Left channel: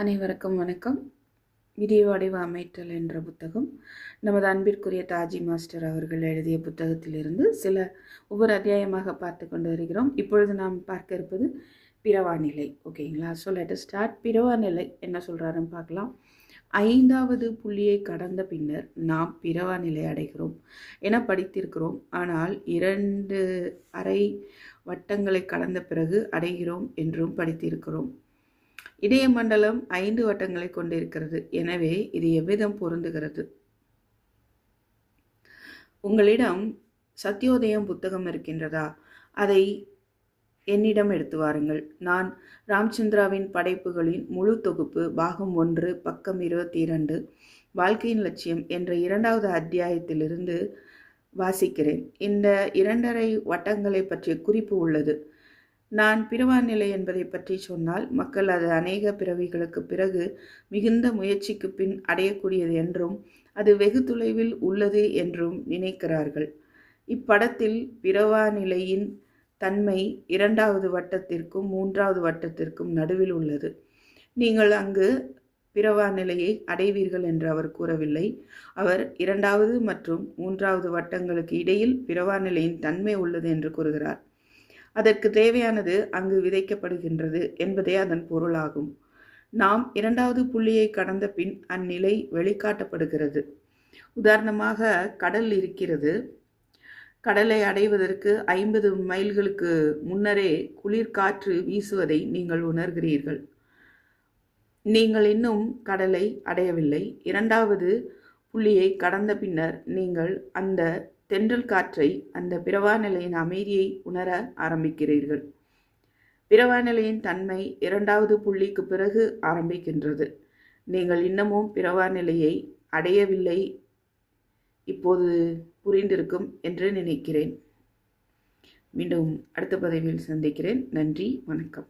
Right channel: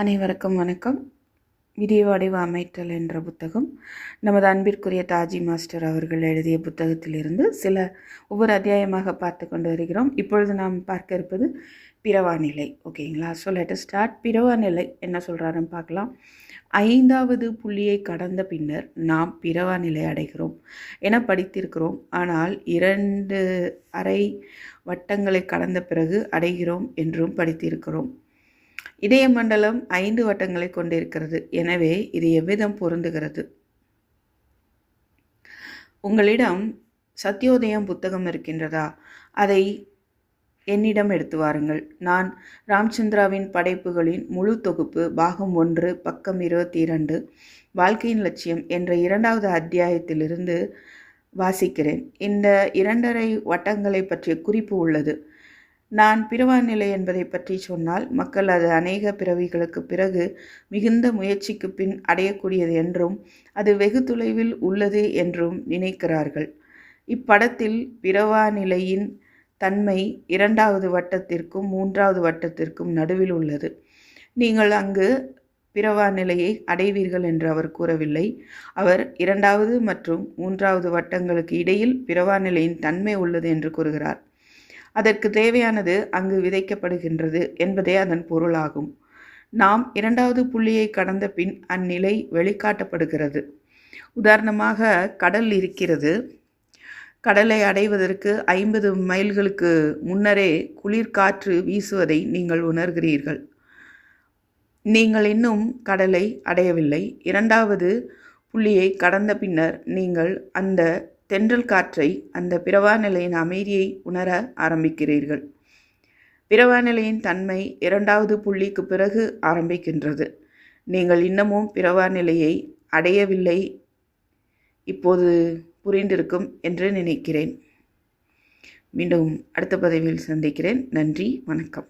அனைவருக்கும் வணக்கம். விடிய வடிவ அமைத்தல் என்ற புத்தகம். நமது அன்பிற்குரிய தாஜி மாஸ்டர் அவர்கள் எழுதிய புத்தகத்திலிருந்து சில ஒவ்வொரு அத்தியாயமாக பார்த்து கொண்டு வருகிறோம். இப்பொழுது நாம் பார்க்க இருப்பது பிறவா நிலை ஓகேங்களா? ஸோ லெட் ஸ்டார்ட் பிறவா நிலை என்ன சொல்கிறாருன்னு பார்க்கலாம். ஐந்தாவது புள்ளியை கடந்த பின்னர் நாம் பிறவா நிலை அடைகிறோம் என படித்திருக்கிறோம். ஆனால் இரண்டு அரை வட்டங்களை கடந்த பிறகு அடைகிறோம் என்றும் படித்திருக்கிறோம். இதய மண்டலம் ஐந்து வட்டங்களை கொண்டிருக்கிறது. எனவே இது எவ்விதம் பொருந்துகிறது? உங்களிடம் சத்யோதயம் புத்தகம் இருக்கின்றதா? அதை என்னிடம் எடுத்து வாருங்கள். நான் ராம்சந்திராவின் படைப்புகளின் முழு தொகுப்பு பாகம் ஒன்று பக்கம் இருபத்தி இரண்டு வாழ்க்கையின் லட்சியம் என்ற இரண்டாவது அத்தியாயத்திலிருந்து வாசிக்கிறேன். இந்த இரண்டரை வட்டங்களை பற்றிய குறிப்பு உள்ளது. நான் பிறவா நிலை என்பதை பற்றி சொன்னால் மக்கள் அது அநேக பிறவிகளுக்கு பிறகு மிகுந்த முயற்சிக்கு பின் அடையக்கூடியது என்றும் அது வெகு தொலைவில் உள்ளது என்றும் நினைக்கிறார்கள். இப்படத்தில் பிறவாநிலையின் தன்மை இரண்டாவது வட்டத்திற்கும் மூன்றாவது வட்டத்திற்கும் நடுவில் உள்ளது. நீங்கள் அங்கு பிறவா நிலையை அடைவீர்கள் என்று அவர் கூறவில்லை. அவர் இரண்டாவது மற்றும் மூன்றாவது வட்டங்களுக்கு இடையில் பிறவா நிலையின் தன்மை உள்ளது என்று கூறுகிறார். அதற்கு தேவையானது அங்கு விதைக்கப்படுகின்றது என்பதே அதன் பொருளாகும். நாம் இரண்டாவது புள்ளியை கடந்த பின் அந்நிலை வெளிக்காட்டப்படுகிறது. உதாரணமாக கடல் இருக்கிறது. கடலை அடைவதற்கு ஐம்பது மைல்களுக்கு முன்னரே குளிர்காற்று வீசுவதை நீங்கள் உணர்கிறீர்கள். நீங்கள் இன்னும் கடலை அடையவில்லை. இரண்டாவது புள்ளியை கடந்த பின்னர் நீங்கள் அந்த தென்றல் காற்றை அந்த பிறவா நிலையின் அமைதியை உணர ஆரம்பிக்கிறீர்கள். பிறவா நிலையின் தன்மை இரண்டாவது புள்ளிக்கு பிறகு ஆரம்பிக்கின்றது. நீங்கள் இன்னமும் பிறவா நிலையை அடையவில்லை. இப்போது புரிந்திருக்கும் என்று நினைக்கிறேன். மீண்டும் அடுத்த பதவியில் சந்திக்கிறேன். நன்றி வணக்கம்.